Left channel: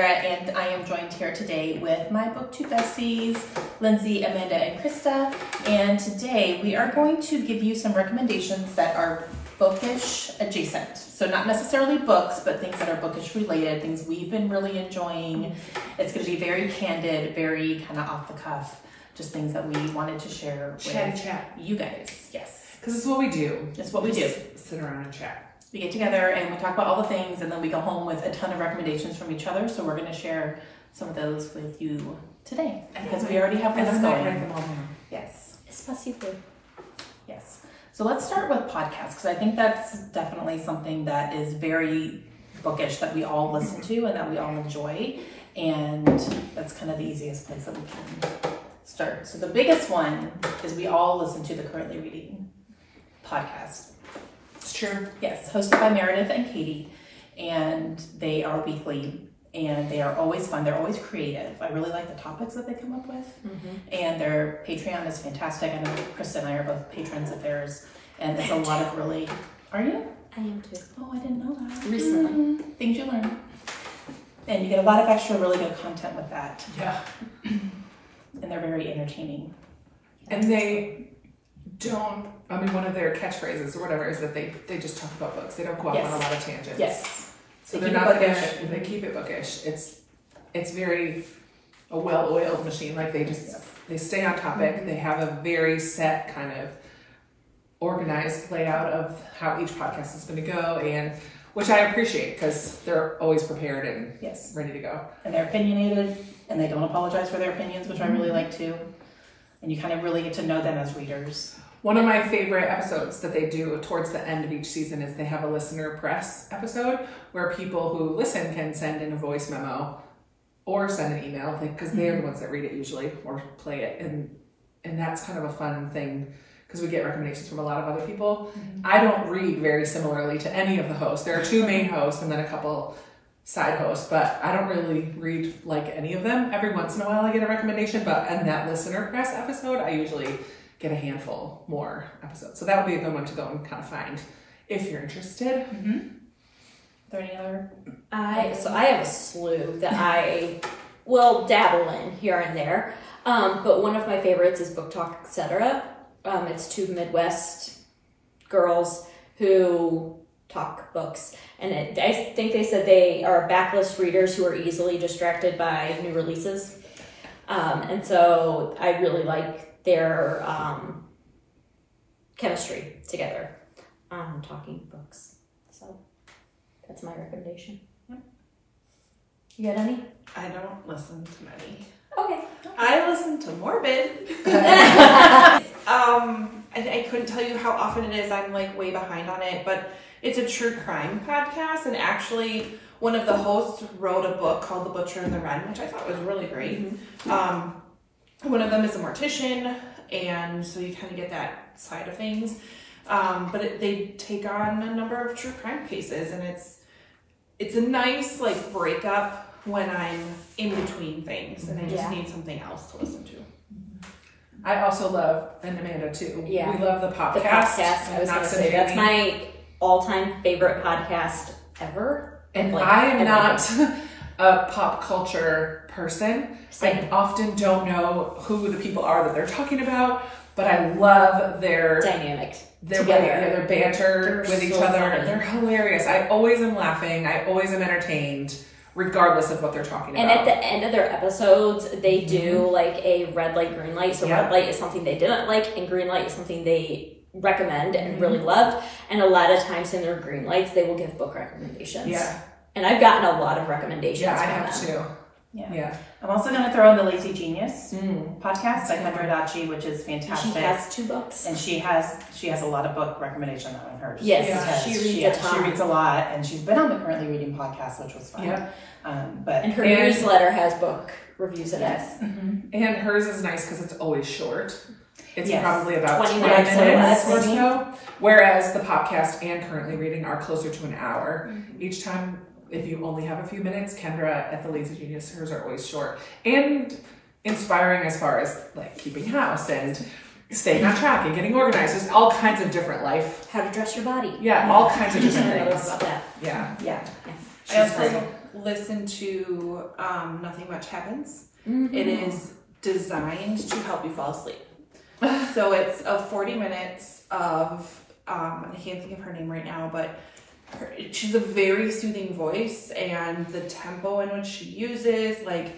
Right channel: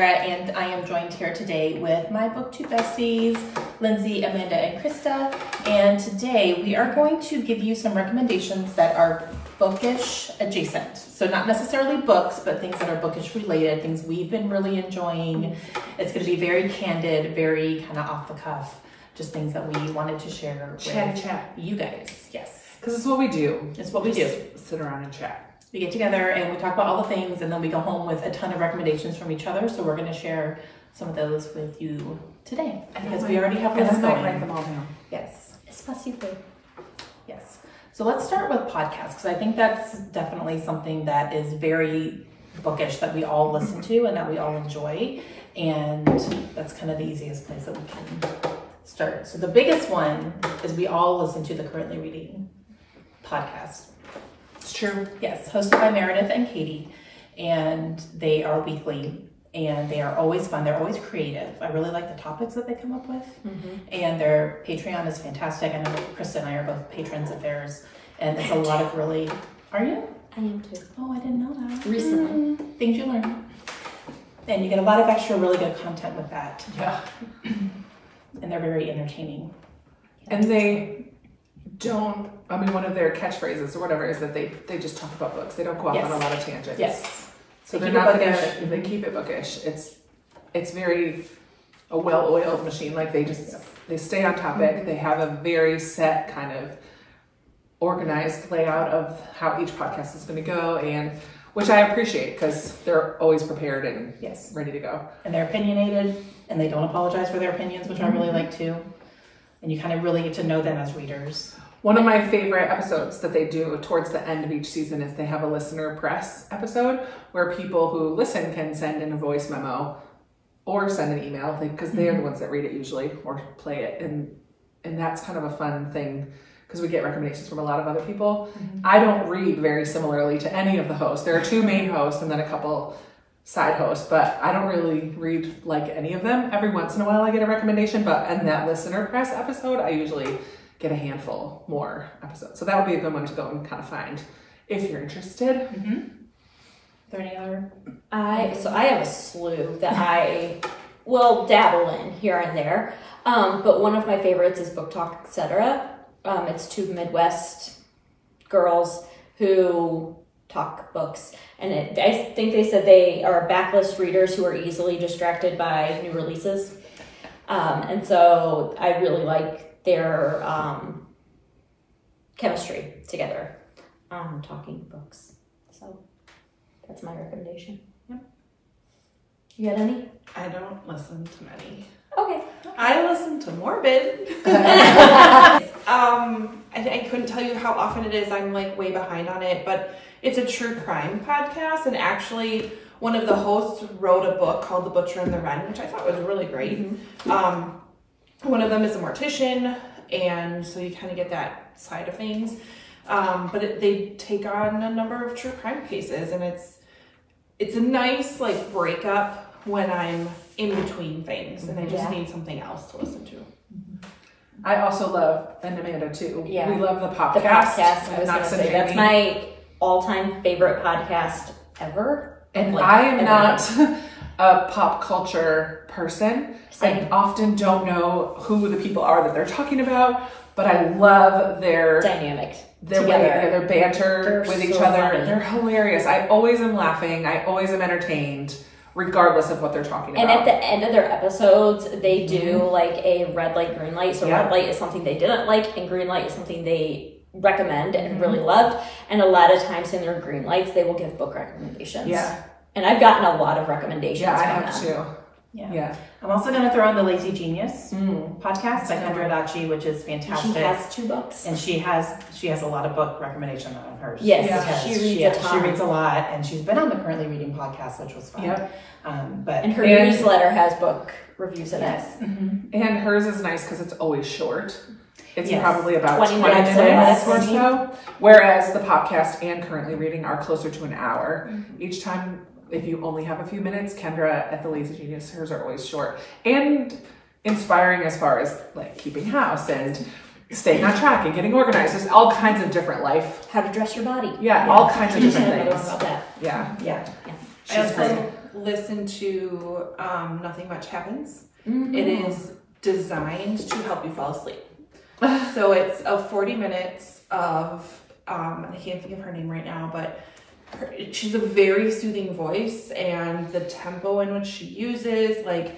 Sarah, and I am joined here today with my BookTube besties, Lindsay, Amanda, and Krista. And today we are going to give you some recommendations that are bookish adjacent. So not necessarily books, but things that are bookish related, things we've been really enjoying. It's going to be very candid, very kind of off the cuff, just things that we wanted to share with you guys. Yes. Because it's what we do. It's what we do. Sit around and chat. We get together and we talk about all the things, and then we go home with a ton of recommendations from each other. So we're going to share some of those with you today because we already have lists going. Write them all down. Yes. Especially. Yes. So let's start with podcasts, because I think that's definitely something that is very bookish that we all listen to and that we all enjoy. And that's kind of the easiest place that we can start. So the biggest one is we all listen to the Currently Reading podcast. It's true. Yes, hosted by Meredith and Katie, and they are weekly, and they are always fun. They're always creative. I really like the topics that they come up with, and their Patreon is fantastic. I know Krista and I are both patrons of theirs, and it's a lot of really... Are you? I am too. Oh, I didn't know that. Recently. Things you learn. And you get a lot of extra really good content with that. Yeah. And they're very entertaining. And they don't, I mean, one of their catchphrases or whatever is that they just talk about books. They don't go off on a lot of tangents. Yes. So they're not bookish. They keep it bookish. It's very a well-oiled machine. Like they stay on topic. They have a very set kind of organized layout of how each podcast is going to go, and which I appreciate because they're always prepared and ready to go. And they're opinionated, and they don't apologize for their opinions, which I really like too. And you kind of really get to know them as readers. One of my favorite episodes that they do towards the end of each season is they have a listener press episode where people who listen can send in a voice memo or send an email because they're the ones that read it usually or play it. And that's kind of a fun thing because we get recommendations from a lot of other people. I don't read very similarly to any of the hosts. There are two main hosts and then a couple side hosts, but I don't really read like any of them. Every once in a while I get a recommendation, but in that listener press episode, I usually get a handful more episodes. So that would be a good one to go and kind of find if you're interested. Are there any other? So I have a slew that I will dabble in here and there. But one of my favorites is Book Talk, etc. It's two Midwest girls who talk books. And I think they said they are backlist readers who are easily distracted by new releases. And so I really like their chemistry together on talking books. So that's my recommendation. You got any? I don't listen to many. Okay. I listen to Morbid. I couldn't tell you how often it is. I'm like way behind on it, but it's a true crime podcast. And actually one of the hosts wrote a book called The Butcher and the Wren, which I thought was really great. One of them is a mortician, and so you kind of get that side of things. But they take on a number of true crime cases, and it's a nice like breakup when I'm in between things and I just need something else to listen to. I also love, and Amanda too, we love the podcast. The podcast, I was going to say, that's my all-time favorite podcast ever. And I am not a pop culture person. I often don't know who the people are that they're talking about, but I love their dynamic. Their banter with each other. Funny. They're hilarious. I always am laughing. I always am entertained, regardless of what they're talking about. And at the end of their episodes, they do like a red light, green light. So red light is something they didn't like, and green light is something they recommend and really loved. And a lot of times in their green lights, they will give book recommendations. Yeah. And I've gotten a lot of recommendations from them. I have too. Yeah. I'm also going to throw in the Lazy Genius podcast by Kendra Adachi, which is fantastic. She has 2 books. And she has a lot of book recommendations on hers. Yes, she reads a ton. She reads a lot, and she's been on the Currently Reading podcast, which was fun. And her newsletter has book reviews in it. And hers is nice because it's always short. It's probably about 20 minutes or so. Whereas the podcast and Currently Reading are closer to an hour. Each time, if you only have a few minutes, Kendra at the Lazy Genius, hers are always short. And inspiring as far as like keeping house and staying on track and getting organized. There's all kinds of different life. How to dress your body. All kinds of different things. About that. I also listen to Nothing Much Happens. Mm-hmm. It is designed to help you fall asleep. So it's 40 minutes of, I can't think of her name right now, but she's a very soothing voice, and the tempo in which she uses, like,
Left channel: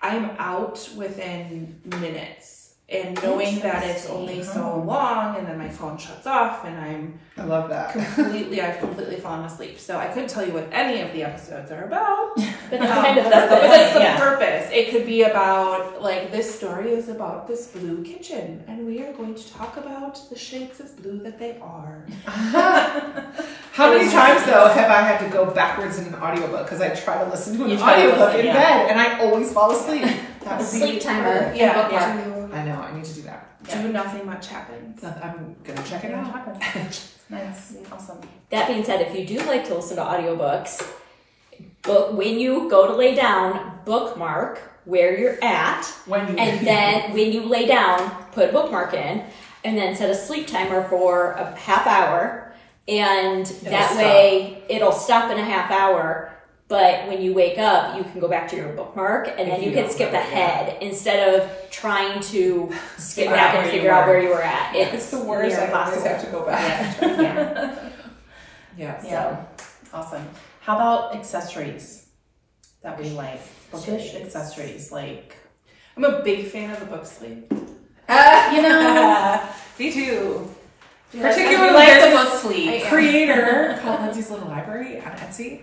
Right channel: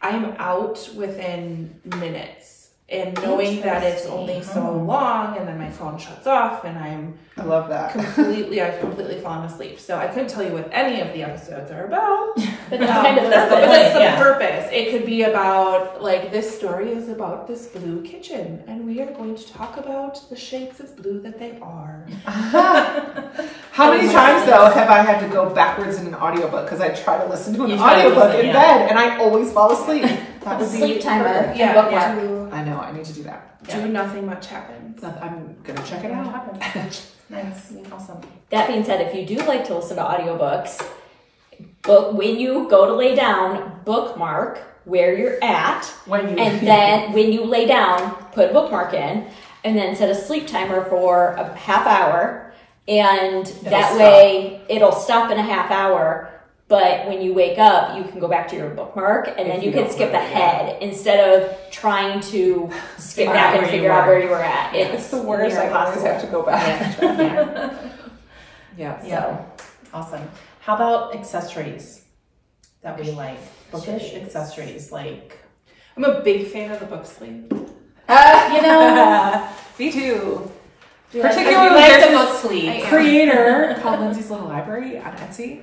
I'm out within minutes. And knowing that it's only so long, and then my phone shuts off, and I love that. I've completely fallen asleep. So I couldn't tell you what any of the episodes are about. But that's kind of but that's the purpose. It could be about, like, this story is about this blue kitchen, and we are going to talk about the shades of blue that they are. How many times, though, have I had to go backwards in an audiobook because I try to listen to an audiobook in bed, and I always fall asleep? That would be sleep timer. Yeah. I know, I need to do that. Do Nothing Much Happens. I'm gonna check it out. Nice. Awesome. That being said, if you do like to listen to audiobooks, when you go to lay down, bookmark where you're at, and then when you lay down, put a bookmark in, and then set a sleep timer for a half hour, and that way it'll stop in a half hour. But when you wake up, you can go back to your bookmark, and then you can skip ahead instead of trying to skip back and figure out where you were at. It's the worst. I always have to go back. So awesome. How about accessories that we like? Bookish accessories, like. I'm a big fan of the book sleeve. You know, me too. Particularly like the book sleeve. Creator called Lindsay's Little Library on Etsy.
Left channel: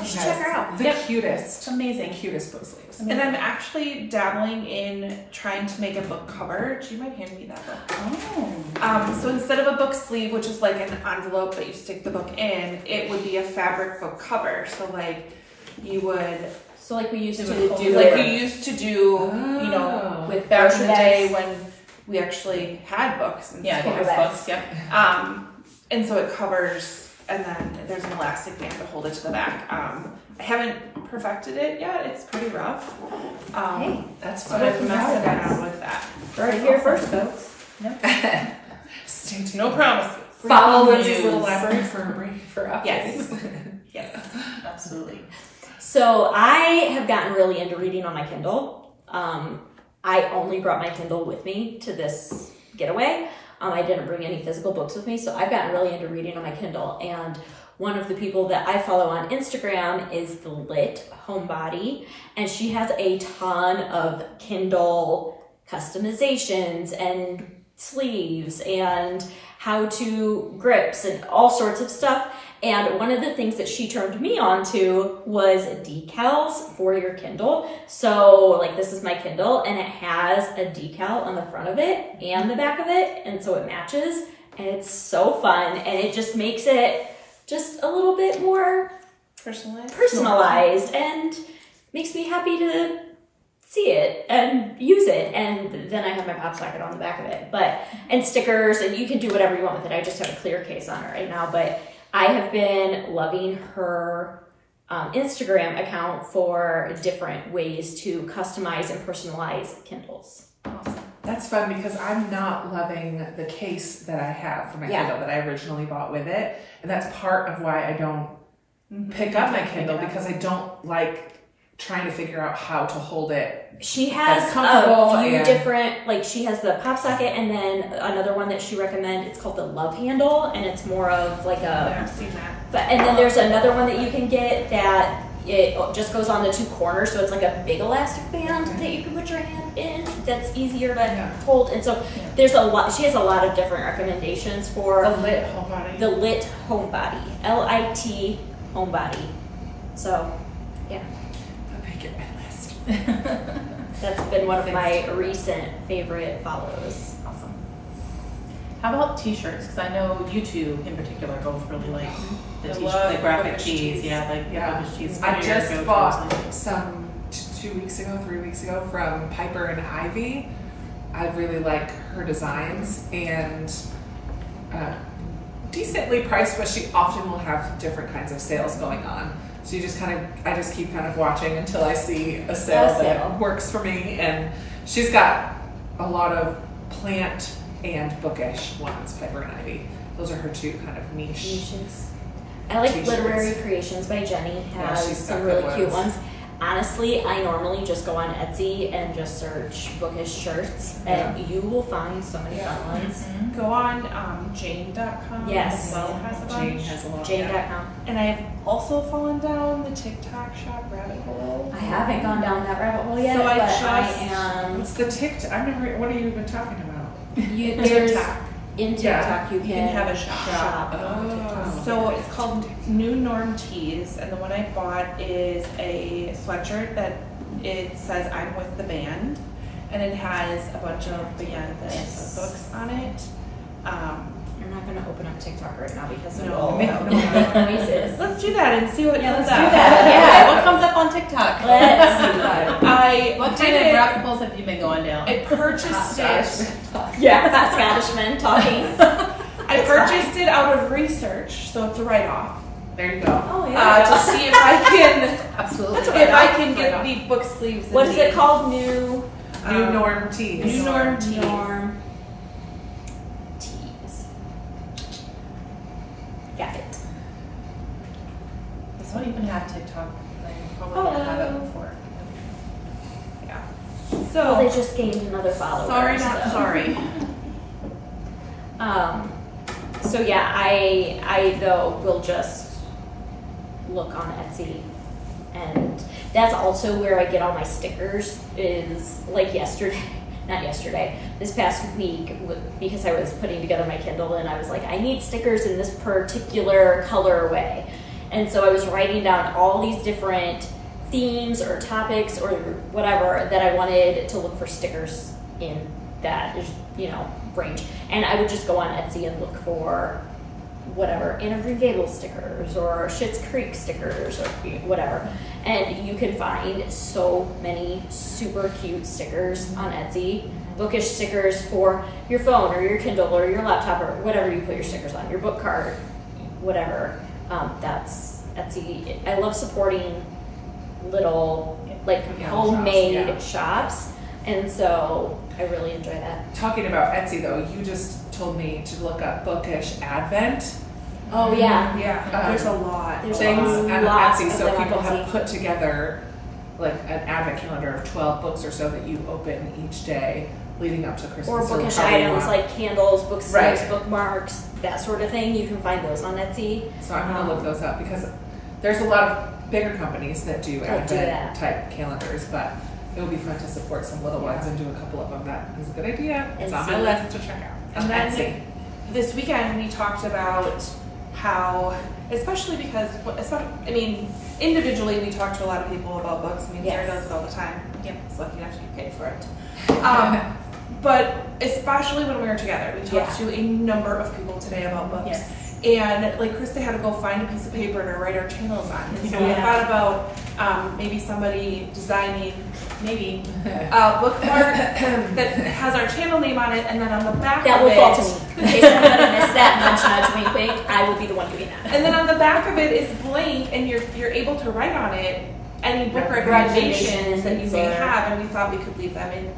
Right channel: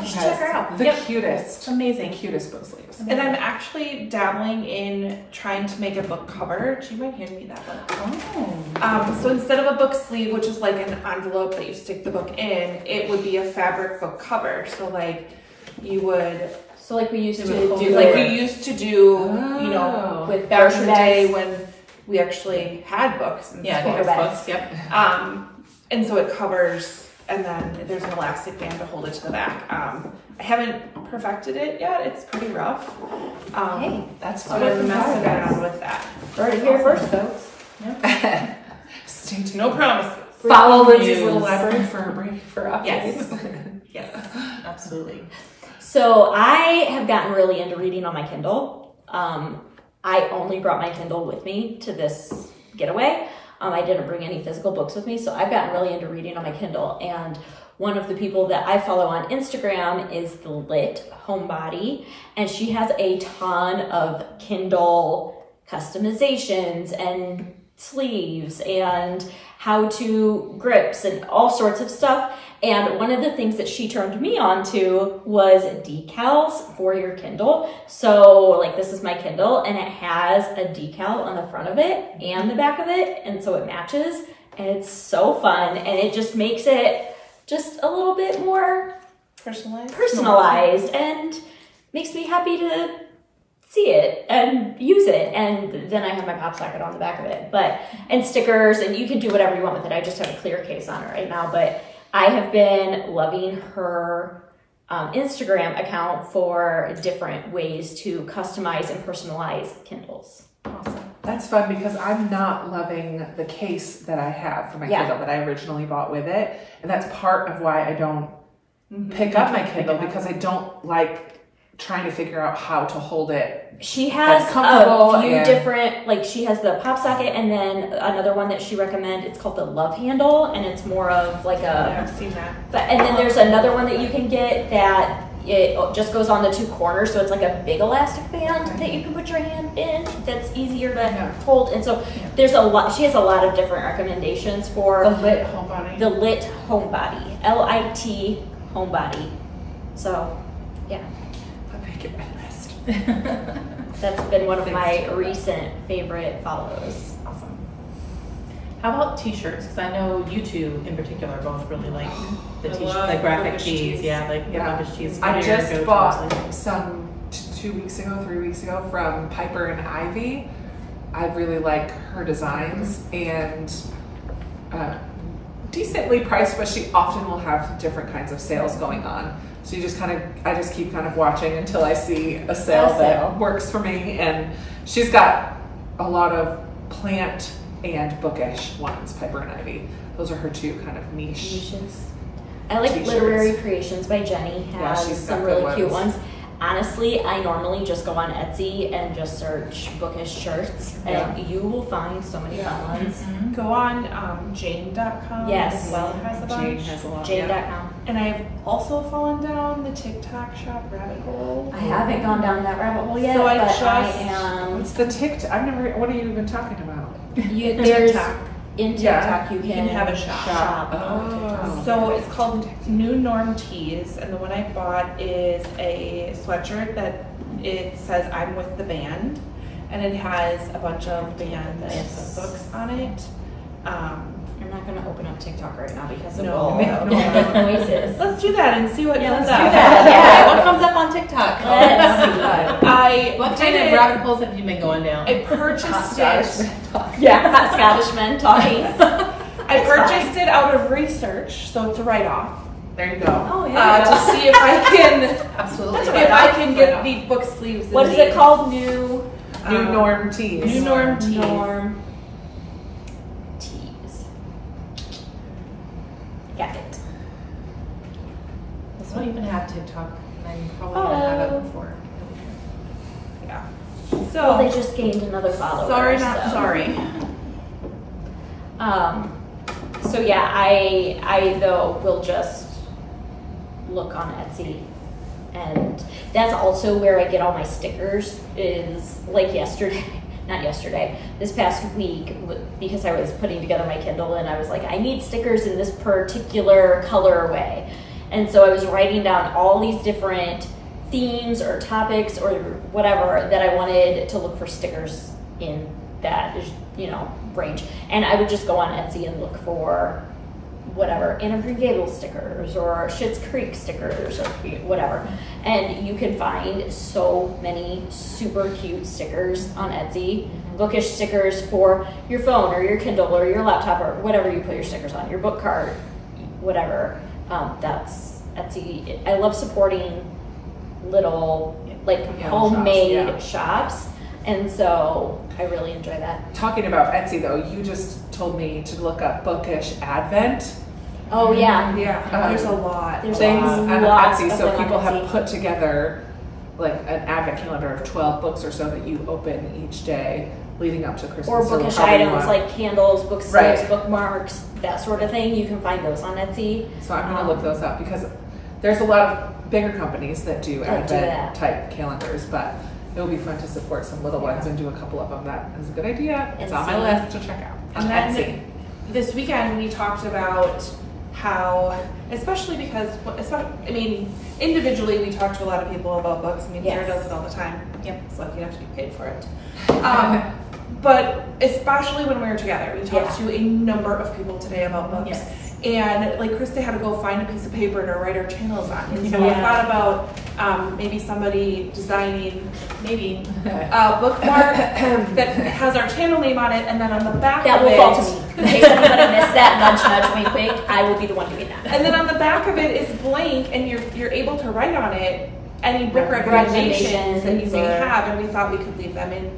You should check her out. The cutest. It's amazing. Cutest book sleeves. And I'm actually dabbling in trying to make a book cover. Do you mind handing me that book? Oh. So instead of a book sleeve, which is like an envelope that you stick the book in, it would be a fabric book cover. So like you would. So like we used to do, like we used to do, you know, with back in the day when we actually had books and books. Yep. And so it covers. And then there's an elastic band to hold it to the back. I haven't perfected it yet. It's pretty rough. Hey, that's fun. So I'm messing around with that. Heard it here first, folks. Yep. Stay tuned. No promises. Follow Lindsay's Little Library for updates. Yes, absolutely. So I have gotten really into reading on my Kindle. I only brought my Kindle with me to this getaway. I didn't bring any physical books with me, so I've gotten really into reading on my Kindle. And one of the people that I follow on Instagram is the Lit Homebody, and she has a ton of Kindle customizations and sleeves and how-to grips and all sorts of stuff. And one of the things that she turned me on to was decals for your Kindle. So like this is my Kindle, and it has a decal on the front of it and the back of it. And so it matches, and it's so fun. And it just makes it just a little bit more personalized and makes me happy to see it and use it. And then I have my pop socket on the back of it, and stickers, and you can do whatever you want with it. I just have a clear case on it right now, but I have been loving her Instagram account for different ways to customize and personalize Kindles. Awesome. That's fun because I'm not loving the case that I have for my Kindle that I originally bought with it. And that's part of why I don't pick up my Kindle, because I don't like trying to figure out how to hold it. She has a few different, like she has the pop socket, and then another one that she recommends, it's called the Love Handle, and it's more of like a... I've seen that. And then there's another one that you can get that it just goes on the two corners, so it's like a big elastic band that you can put your hand in that's easier to hold. And so there's a lot, she has a lot of different recommendations for the Lit Homebody. The Lit Homebody. L-I-T Homebody. So, yeah. Get my list. That's been one of my recent favorite follows. Awesome. How about t-shirts? Because I know you two in particular both really like the t-shirt, the graphic tees. Yeah, like the bookish tees. I just bought some 3 weeks ago from Piper and Ivy. I really like her designs, and decently priced, but she often will have different kinds of sales going on. So you just I just keep watching until I see a sale that works for me. And she's got a lot of plant and bookish ones, Piper and Ivy. Those are her two kind of niches. I like T-shirts. Literary Creations by Jenny. Has she's some got really good cute ones. ones. Honestly, I normally just go on Etsy and just search bookish shirts, and you will find so many fun ones. Go on Jane.com Yes. as well, has a bunch. Jane has a lot. Jane.com. And I've also fallen down the TikTok shop rabbit hole. I haven't gone down that rabbit hole yet, So I but just- I am. What's the TikTok? I've never. What are you even talking about? There's TikTok. in TikTok you You can have a shop. Oh. So it's called New Norm Tees, and the one I bought is a sweatshirt that it says I'm with the band, and it has a bunch of band books on it. I'm not going to open up TikTok right now because it No. will make noises. Let's do that and see what comes Let's up. do that. Yeah, what comes up on TikTok? Let's see. I What did kind of it. rabbit holes have you been going down? I purchased it. Yeah, hot Scottish men talking. I purchased it out of research, so it's a write-off. There you go. Oh To see if I can, Absolutely. if I can get the book sleeves. What is it called? New New Norm Tees. New Norm Tees. Norm Tees. Got it. This one even have TikTok. I'm probably gonna have it before. Yeah. Well, they So just gained another follower. sorry, not so. sorry. So yeah, I though will just look on Etsy, and that's also where I get all my stickers. Is like this past week, because I was putting together my Kindle and I was like, I need stickers in this particular colorway, and so I was writing down all these different themes or topics or whatever that I wanted to look for stickers in that, range. And I would just go on Etsy and look for whatever, Anne of Green Gables stickers or Schitt's Creek stickers or whatever. And you can find so many super cute stickers on Etsy. Bookish stickers for your phone or your Kindle or your laptop or whatever you put your stickers on, your book card, whatever. That's Etsy. I love supporting little homemade shops, and so I really enjoy that. Talking about Etsy though, you just told me to look up Bookish Advent Oh yeah, Yeah, there's a lot. There's things on lots Etsy. of So them on people have Etsy. put together like an advent calendar of 12 books or so that you open each day leading up to Christmas. or bookish however you items want. like candles, book sleeves, Right. bookmarks, that sort of thing. You can find those on Etsy. So I'm gonna look those up because there's a lot of bigger companies that do That do advent that. type calendars, but it would be fun to support some little ones and do a couple of them. That is a good idea. It's And on my see- list to check out. And then Etsy. this weekend we talked about how, especially because, individually we talk to a lot of people about books. Sarah Yes. does it all the time. Yep. She's lucky enough to get paid for it. But especially when we were together, we talked to a number of people today about books. Yes. And like Krista had to go find a piece of paper to write our channels on. And so I thought about maybe somebody designing a bookmark that has our channel name on it, and then on the back That of will it, fall to me. In case anybody missed that, nudge, nudge, wink, wink. I will be the one doing that. and then on the back of it is blank, and you're able to write on it any book recommendations that you may Recommendations or- have, and we thought we could leave them in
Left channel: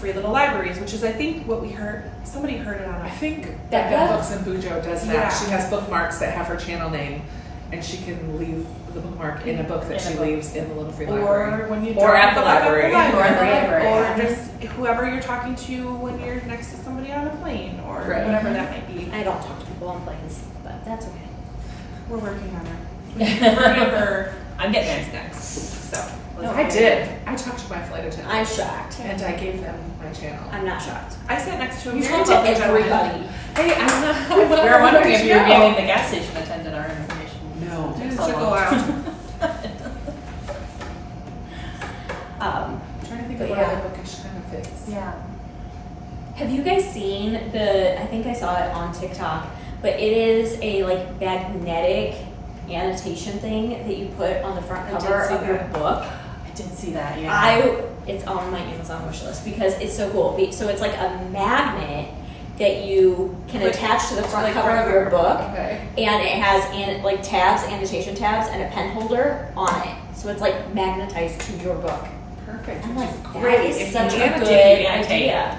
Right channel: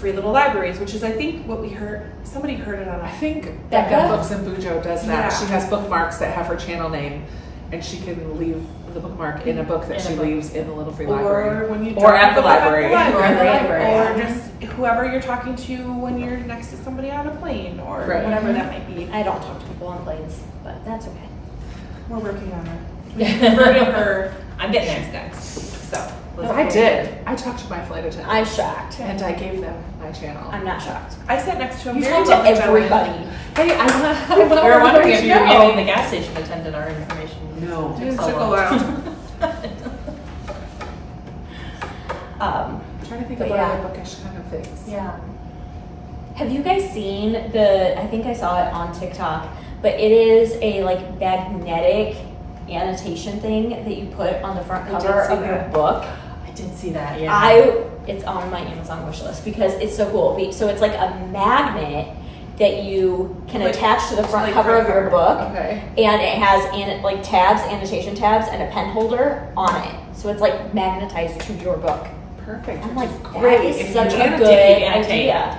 free little libraries, which is I think what we heard. Somebody heard it on I a think Becca? Becca Books and Bujo does that. Yeah. She has bookmarks that have her channel name, and she can leave the bookmark in a book that In a she book. leaves in the little free library. or when you Or drop at the book off library. Or at the library, or yeah. just whoever you're talking to when you're next to somebody on a plane, or Right. whatever that might be. I don't talk to people on planes, but that's okay. We're working on it. We converted her. I'm getting She's there. next. So No, I did. I talked to my flight attendant. I'm shocked. and I gave them my channel. I'm not shocked. I sat next to a You very talk to wealthy gentleman. everybody. Hey, I We were wondering if you were giving giving the gas station attendant our information. No. It So took a long. while. I'm trying to think But of yeah. other bookish kind of things. Yeah. Have you guys seen I think I saw it on TikTok, but it is a like magnetic annotation thing that you put on the front I cover did see of your that. book. I did see that, yeah. It's on my Amazon wish list because it's so cool. So it's like a magnet that you can Like- attach to the front like cover front of your cover. book, Okay. and it has tabs, annotation tabs, and a pen holder on it. So it's like magnetized to your book. Perfect. I'm which like, is that great. is If such you a need good dip, idea.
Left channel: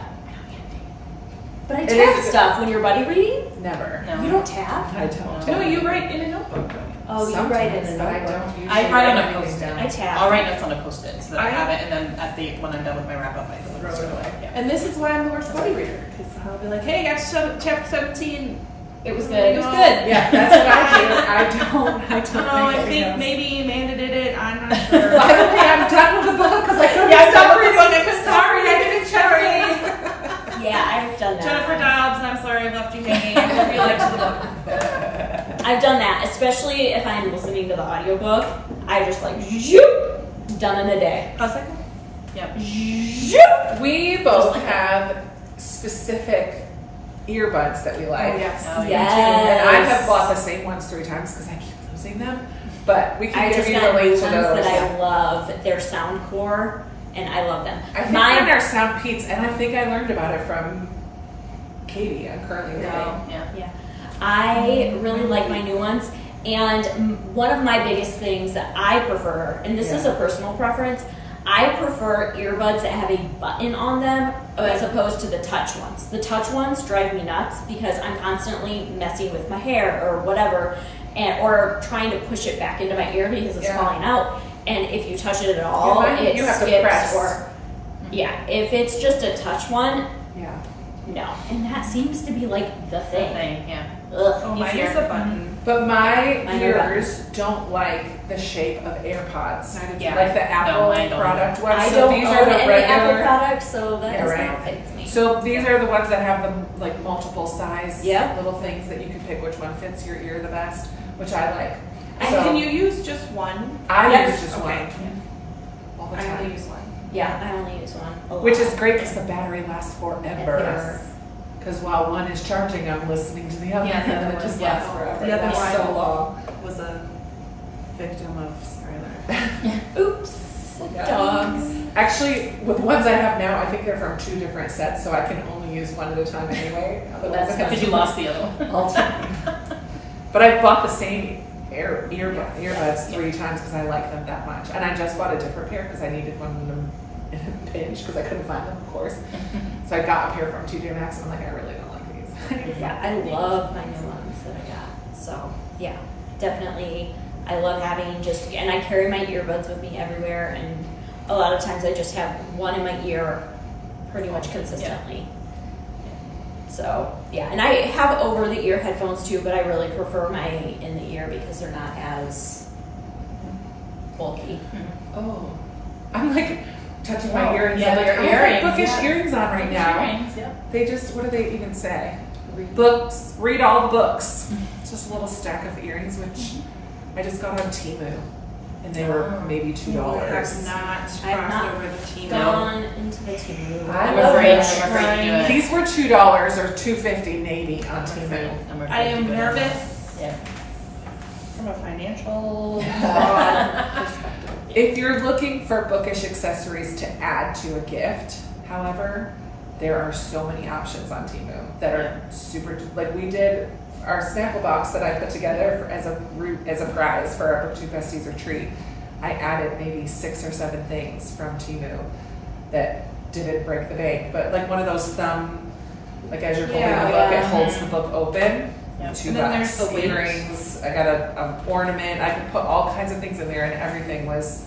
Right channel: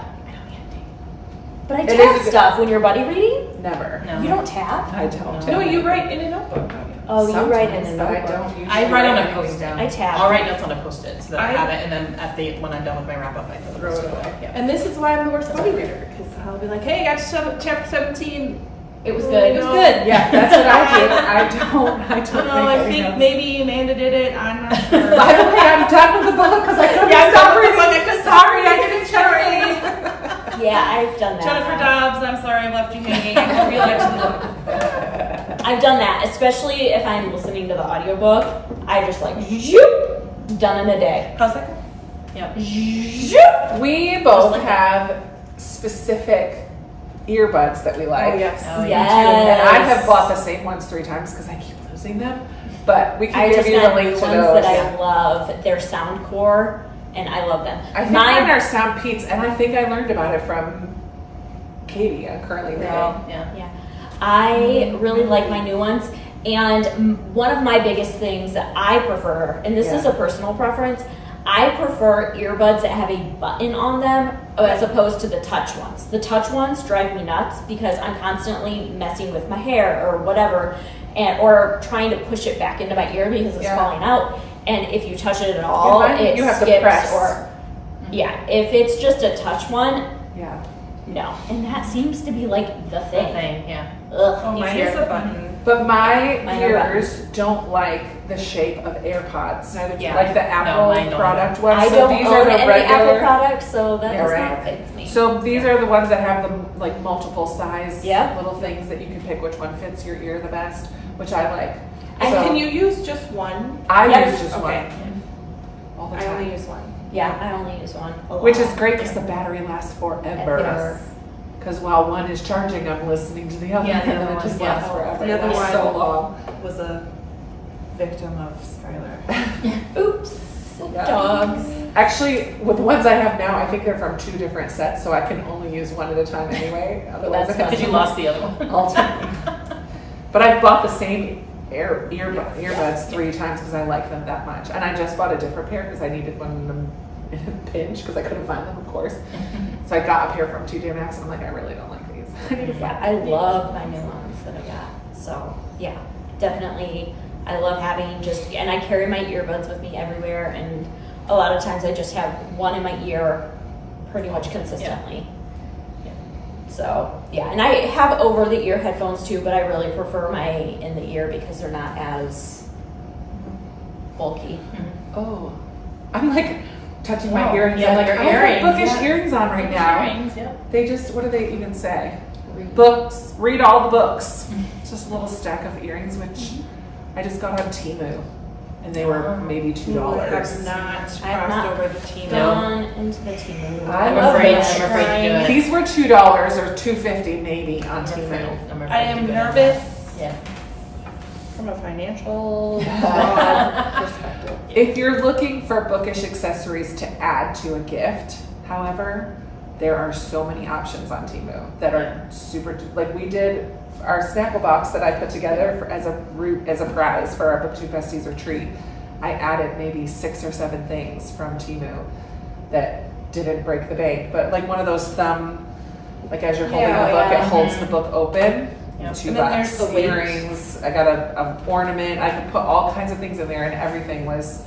But I It tap is- stuff when you're buddy reading. Never. No. You don't tap? I don't. No, you write in a notebook, don't you? Oh, you write in a Sometimes, but I notebook. don't usually I write on a anything Post-it. down. I tap. I'll write notes on a Post-it so that I I- have it, and then when I'm done with my wrap-up, I throw it away. Yeah. And this is why I'm the worst buddy reader, because I'll be like, hey, I got to chapter 17. It was Oh, good. It was no. good. Yeah, that's what I do. I don't. Oh, I think notes. maybe Amanda did it. I'm not sure. By the way, I'm done with the book because I couldn't Yeah, I'm stop done with the reading. book. I'm sorry, I didn't sorry. Yeah, I've done that. Jennifer Dobbs, I'm sorry I left you hanging. I hope you liked the book. I've done that, especially if I'm listening to the audiobook. I just like, zoop, done in a day. How's that? Yeah. Zoop. We both like have specific earbuds that we like. Oh, yes. Oh, Yes. And I have bought the same ones 3 times because I keep losing them. But we can I give just you the got link new to ones those. that I love. They're Soundcore, and I love them. I think mine are Sound Peats, and I think I learned about it from Katie. I'm currently reading. Yeah. Yeah, I really like my new ones. And one of my biggest things that I prefer, and this is a personal preference, I prefer earbuds that have a button on them as opposed to the touch ones. The touch ones drive me nuts because I'm constantly messing with my hair or whatever, or trying to push it back into my ear because it's falling out. And if you touch it at all, it you have skips. to press. Or if it's just a touch one, Yeah. no. And that seems to be like the thing. Yeah. Ugh, Oh, mine is a button. But my Mine are ears don't like the shape of AirPods. Neither do Yeah. Like the Apple mine don't product either. ones. I So don't these own are the any regular. Apple products, so that Yeah, does right. not affect me. So these are the ones that have the like multiple size Yeah. little things that you can pick which one fits your ear the best, which I like. And So can you use just one? I Yes. use just Okay. one all the I time. only use one. Yeah, I only use one. a lot. Which is great because the battery lasts forever. Yes. Because while one is charging, I'm listening to the other, Yeah, the and other it one, just yeah. lasts forever. The other It's one- so long. Was a victim of Skylar. Oops. Yeah. Dogs. Actually, with the ones I have now, I think they're from 2 different sets, so I can only use one at a time anyway. Otherwise, That's I have Because you to- lost the other one. all time. But I've bought the same earbuds 3 times because I like them that much. And I just bought a different pair because I needed one in a pinch because I couldn't find them, of course. So I got a pair from TJ Maxx and I'm like, I really don't like these. Yeah, I love my new ones that I got. So yeah, definitely. I love having and I carry my earbuds with me everywhere, and a lot of times I just have one in my ear pretty much consistently. So yeah, and I have over the ear headphones too, but I really prefer my in the ear because they're not as bulky. Oh, I'm like touching my Oh, earrings. yeah, I'm like, your I have earrings, bookish yeah. earrings on right now. Earrings, yeah. They just, what do they even say? Books, read all the books. It's just a little stack of earrings, which I just got on Temu. And they were maybe $2. I have not crossed not over the team. Gone into the team. I'm afraid love to that. do it. These were $2 or $2.50 maybe on I'm afraid. Temu. I'm afraid I to am go nervous Yeah. from a financial broad perspective. If you're looking for bookish accessories to add to a gift, however, there are so many options on Temu that are super, like we did our Snapple box that I put together as a prize for our BookTube Besties retreat. I added maybe 6 or 7 things from Temu that didn't break the bank, but like one of those thumb, like as you're holding the book, it holds the book open. Yeah. $2. And then there's the weight. Earrings. I got an ornament. I could put all kinds of things in there, and everything was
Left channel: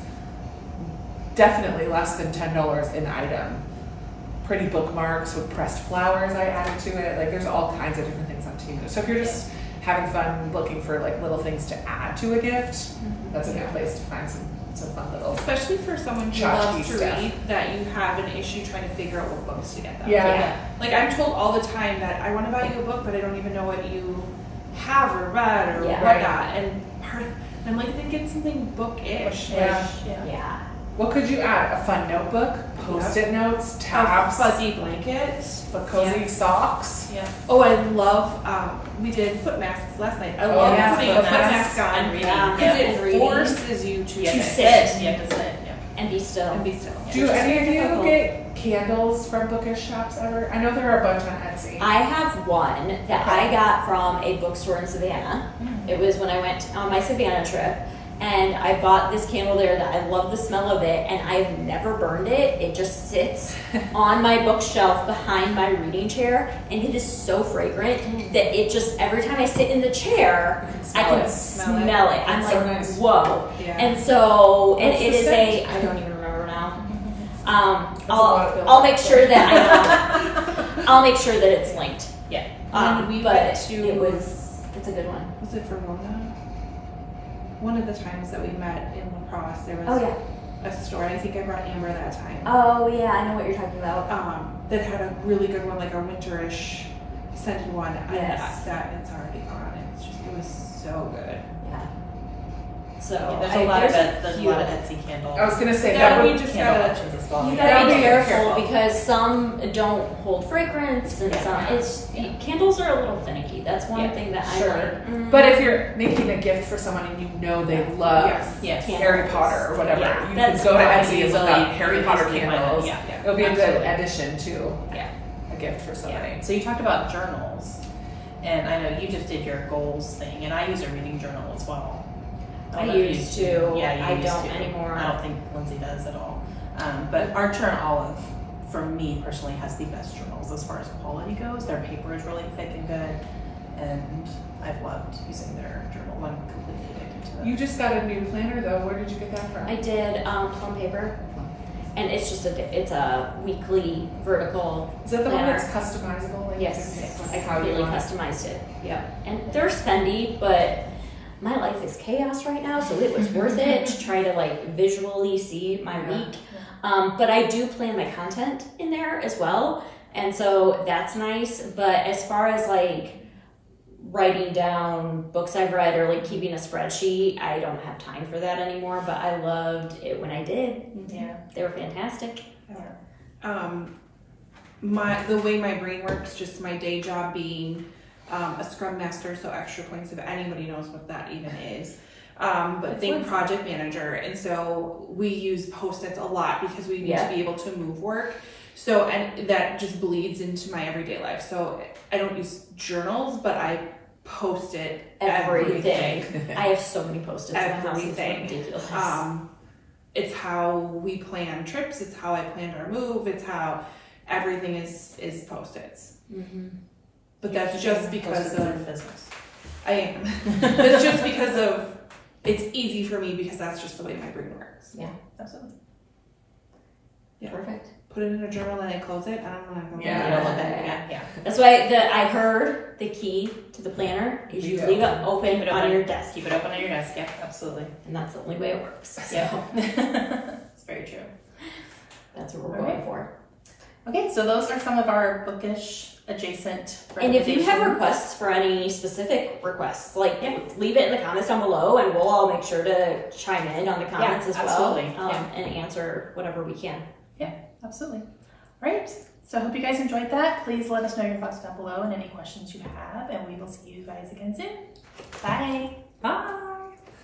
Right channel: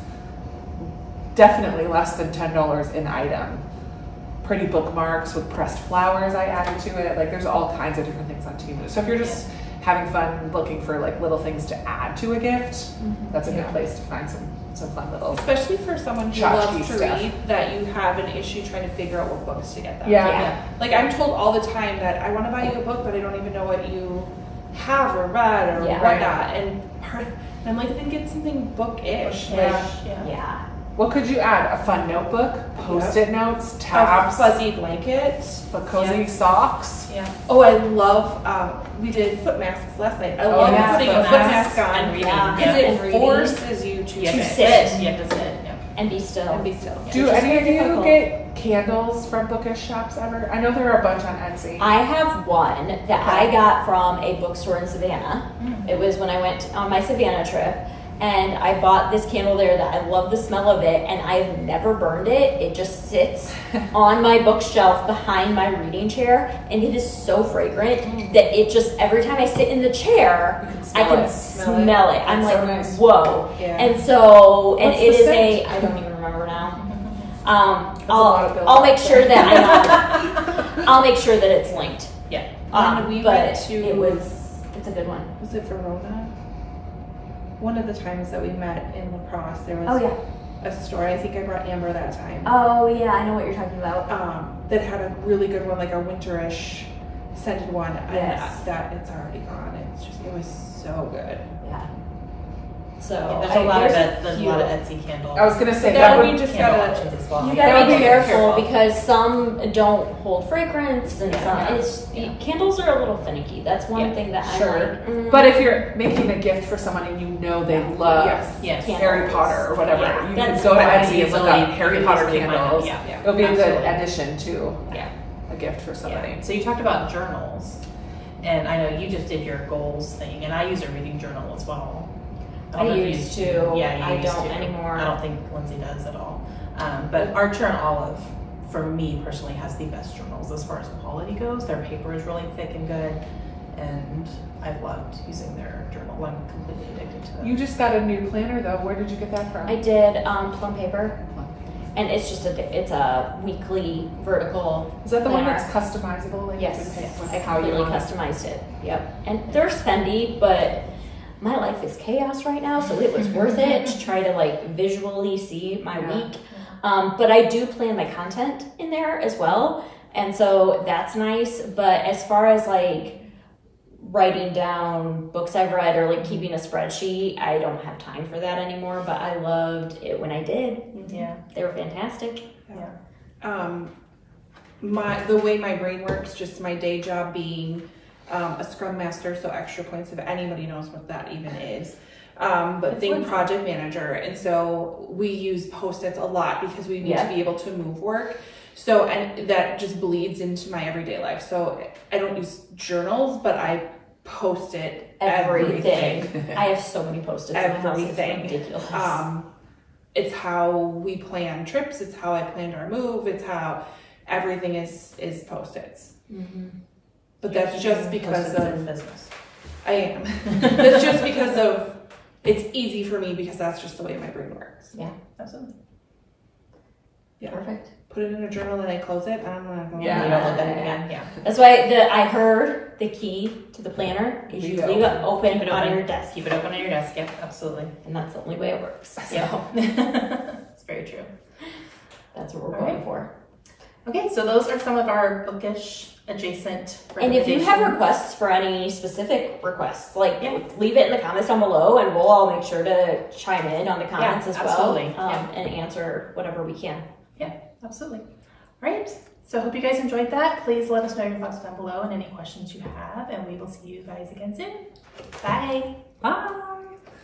definitely less than $10 an item. Pretty bookmarks with pressed flowers I added to it. Like there's all kinds of different things on Temu. So if you're just having fun looking for like little things to add to a gift, that's a good place to find some fun little. Especially for someone who Tchotchke loves to stuff. read, that you have an issue trying to figure out what books to get them. Yeah. Like I'm told all the time that I want to buy you a book, but I don't even know what you have or read or Yeah. whatnot. And I'm like, then get something bookish. Like Yeah. What could you add? A fun notebook, post-it notes, a tabs, fuzzy blanket. cozy socks. Yeah. Oh, I love, we did foot masks last night. I love yeah, putting a foot foot masks mask on and reading. Yeah. because And it reading. forces you to Yeah, To to sit sit. You have to sit. Yeah. And be still. and be still. Do It's any of very you difficult. get candles from bookish shops ever? I know there are a bunch on Etsy. I have one that I got from a bookstore in Savannah. It was when I went on my Savannah trip, And I bought this candle there that I love the smell of it, and I've never burned it. It just sits on my bookshelf behind my reading chair, and it is so fragrant that it just, every time I sit in the chair, I can smell it. I'm like, so nice. whoa. Yeah. And so, and What's it the is scent? I don't even remember now. I'll make sure that I know. I'll make sure that it's linked. Yeah. When we but went to, it's a good one. was it Verona? One of the times that we met in La Crosse, there was Oh yeah. a store. I think I brought Amber that time. Oh yeah, I know what you're talking about. That had a really good one, like a winterish scented one. Yes. And that it's already gone. It was so good. Yeah. So There's a lot of Etsy candles. I was gonna say Yeah, that we would, just Candle gotta. options as well. you Yeah. gotta be be careful careful. because some don't hold fragrance and candles are a little finicky. That's one Yeah, thing that sure. I'm like. but if you're making a gift for someone and you know they love Yes. Harry Potter or whatever, Yeah, you that's can go to fine. Etsy and look Easily- up Harry Potter easily find candles. that. Yeah. It'll be a Absolutely. good addition to Yeah. a gift for somebody. Yeah. So you talked about journals, and I know you just did your goals thing, and I use a reading journal as well. I don't know if you used to. Yeah, you I used don't to. anymore. I don't think Lindsay does at all. But Archer and Olive, for me personally, has the best journals as far as quality goes. Their paper is really thick and good, and I've loved using their journal. I'm completely addicted to them. You just got a new planner though. Where did you get that from? I did plum paper, and it's just it's a weekly vertical. Is that the one planner. that's customizable? Like Yes, you can pick I how you completely want it? customized it. Yep, and they're spendy, but my life is chaos right now, so it was worth it to try to like visually see my week. But I do plan my content in there as well, and so that's nice. But as far as like writing down books I've read or like keeping a spreadsheet, I don't have time for that anymore. But I loved it when I did. Yeah. They were fantastic. The way my brain works, just my day job being a Scrum Master, so extra points if anybody knows what that even is. But think project manager, and so we use Post-its a lot because we need to be able to move work. So, and that just bleeds into my everyday life. So I don't use journals, but I post it everything. I have so many Post-its in my house. It's Everything. ridiculous. It's how we plan trips. It's how I planned our move. It's how everything is Post-its. But that's just because of business. I am. That's just because of it's easy for me because that's just the way my brain works. Yeah. Absolutely. Yeah. Perfect. Put it in a journal and I close it. I'm not going. Yeah. You don't look at it again. Yeah. That's why I heard the key to the planner is you leave it open Keep it on open. your desk. Keep it open on your desk. Yep. Absolutely. And that's the only way it works. So Yeah. It's very true. that's what we're All going right. for. Okay, so those are some of our bookish adjacent And if you have recommendations. requests for any specific requests, like leave it in the comments down below and we'll all make sure to chime in on the comments as well. absolutely. And answer whatever we can. Yeah, absolutely. All right, so I hope you guys enjoyed that. Please let us know your thoughts down below and any questions you have, and we will see you guys again soon. Bye. Bye.